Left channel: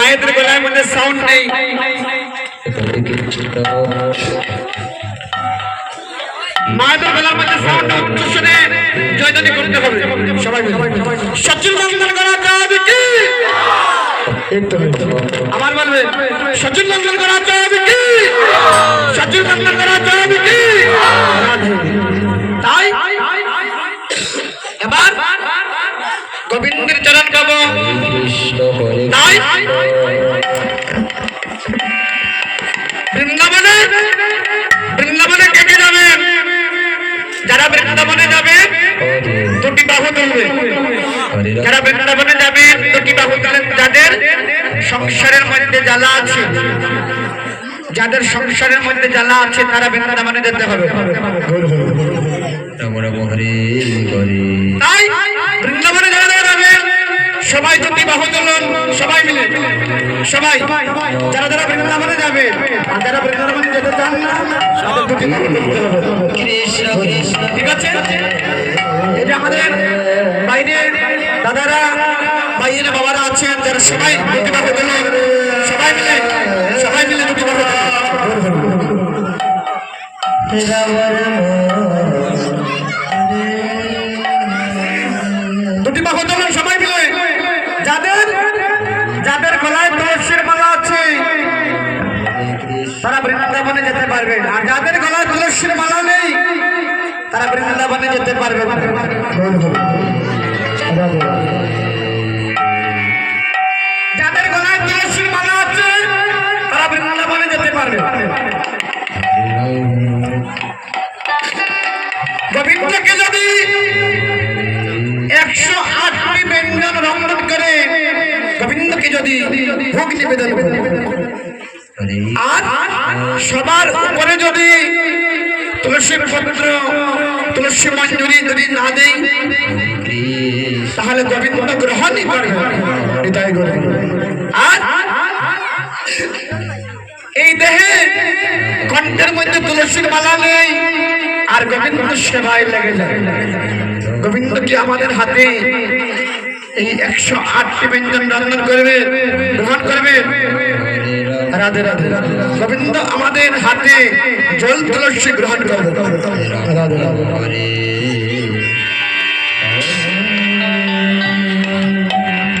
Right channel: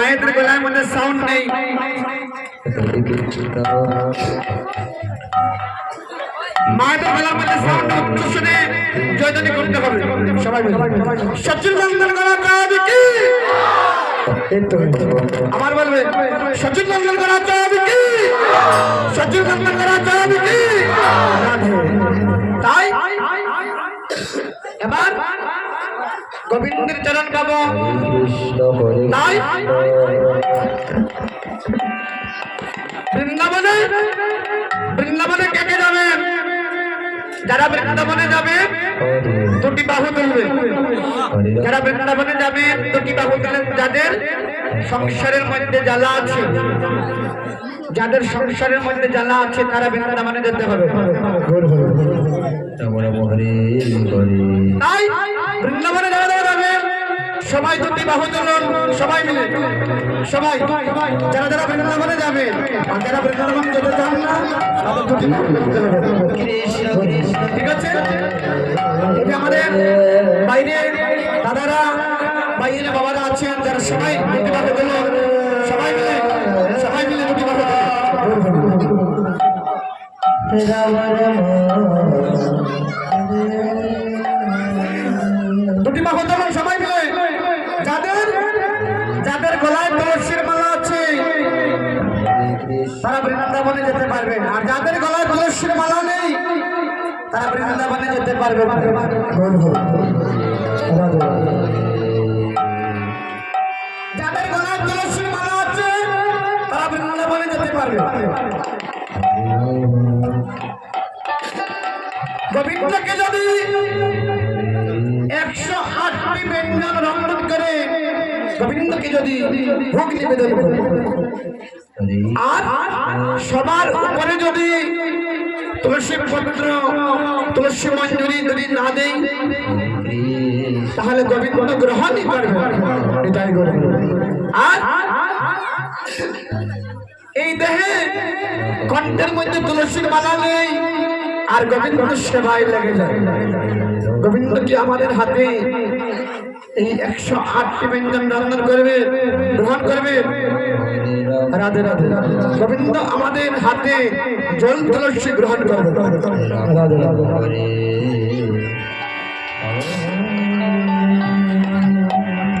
মায়েদের গলায় মধ্যে সাউন্ড নেই। মায়েদের গলার মধ্যে সাউন্ড শুনে জয়দানি করতে হবে। সবাই সচিন মঙ্গল করা যাবে কি? আমার বলবে, সচিন মঙ্গল করা যাবে কি? সচিন মঙ্গল করা যাবে কি? তাই এবার গোবিন্দের চরণ পাবো। তাই বৃন্দাবনে বৃন্দাবনে কে কে যাবেন যারা বৃন্দাবনে যাবে দুটি বাহু তুলবে। যারা বৃন্দাবনে যাবে দুটি বাহু তুলেন যাদের সংসারের মধ্যে জ্বালা আছে যাদের সংসারের মধ্যে জ্বালা আছে তারা বৃন্দাবনে যেতে হবে। তাই বৃন্দাবনে যারা যারা যাবেন সবাই দুটি বাহু তুলুন সবাই মিলে। সবাই যারা যারা বৃন্দাবনে যাবে যারা বৃন্দাবনে যেতে চান না। ঠিক আছে? এটা আমাদের বাইরে দাদারা বাইরে বাবারা আছেন যারা সবাই দুটি বাহু তুলুন সবাই মিলে সবাই মিলে দুটি বাহু তুলুন গলায় মালা আছে। তারা বৃন্দাবনে যেতে পারবে। আর যাদের গলায় তুলসীর মালা নেই, তারা বৃন্দাবনে যেতে পারবে। আছে, তারা বৃন্দাবনে যেতে পারবে। গোবিন্দকে যদি একশো আটটি গোবিন্দকে যদি ভোগ নিবেদন করে। আর সবার উপরে যদি তুলসী পত্র, তুলসী মঞ্জুরি যদি না দেই, তাহলে গোবিন্দ গ্রহণই গোবিন্দ আর এই দেহে কণ্ঠের মধ্যে তুলসীর মালা নেই। আর গোবিন্দ সেবায় লেগে যায়। গোবিন্দ কি আমাদের হাতে এই একশো আটটি ব্যঞ্জন রান্না করবে, গ্রহণ করবে? রাধে রাধে। গোবিন্দ আমাদের হাতে জল তুলসী গ্রহণ করবে। রাধে রাধে।